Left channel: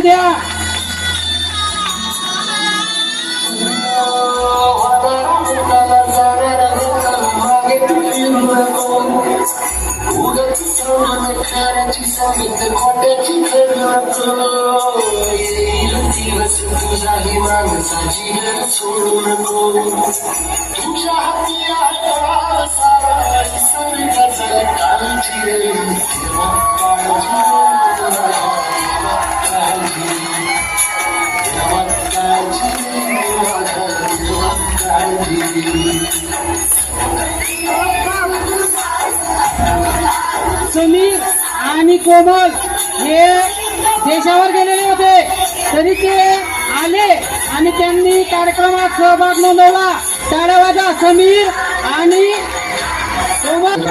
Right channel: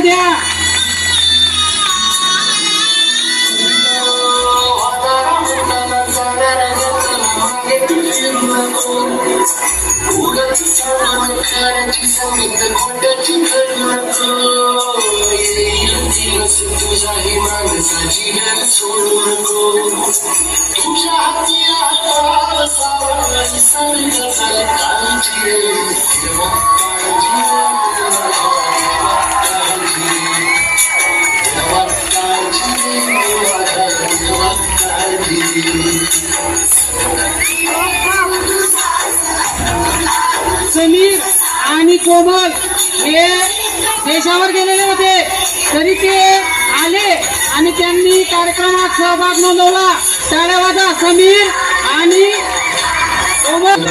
द्या. समीर आणि कोमल हे देशावर गेलेले होते, तरी ते आले आणि त्यांनी कार्यक्रमात सहभाग नोंदवला. टाळ्या वाजवा समीर आणि कोमल.